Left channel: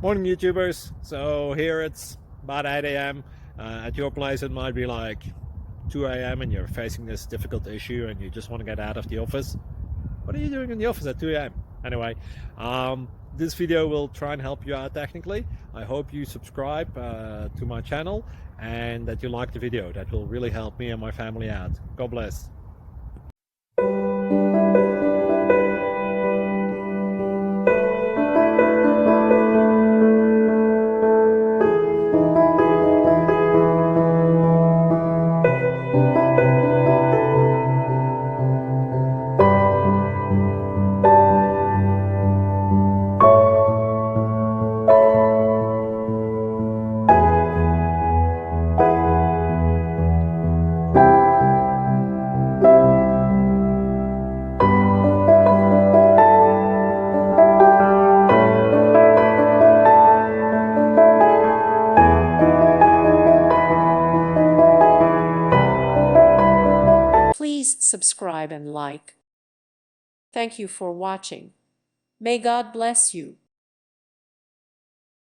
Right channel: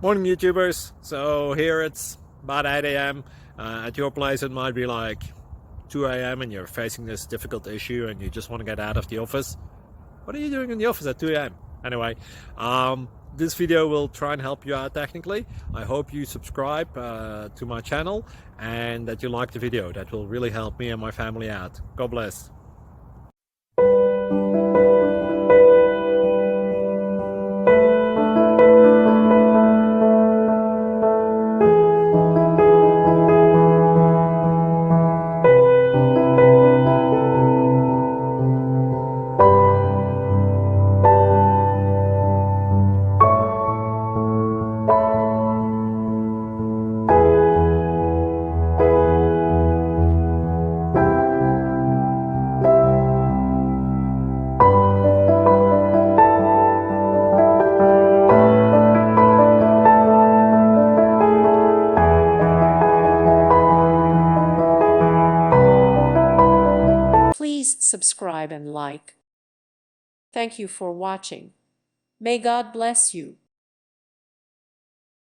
Morning, YouTubers. So here it's about 8 a.m. At your place, it might be like 2 a.m. and you're facing this difficult issue and you just want to get out of the office. What are you doing in the office at 2 a.m.? Anyway, this video will try and help you out technically. I hope you subscribe to my channel and that you like the video. That will really help me and my family out. God bless. Please subscribe and like. Thank you for watching. May God bless you.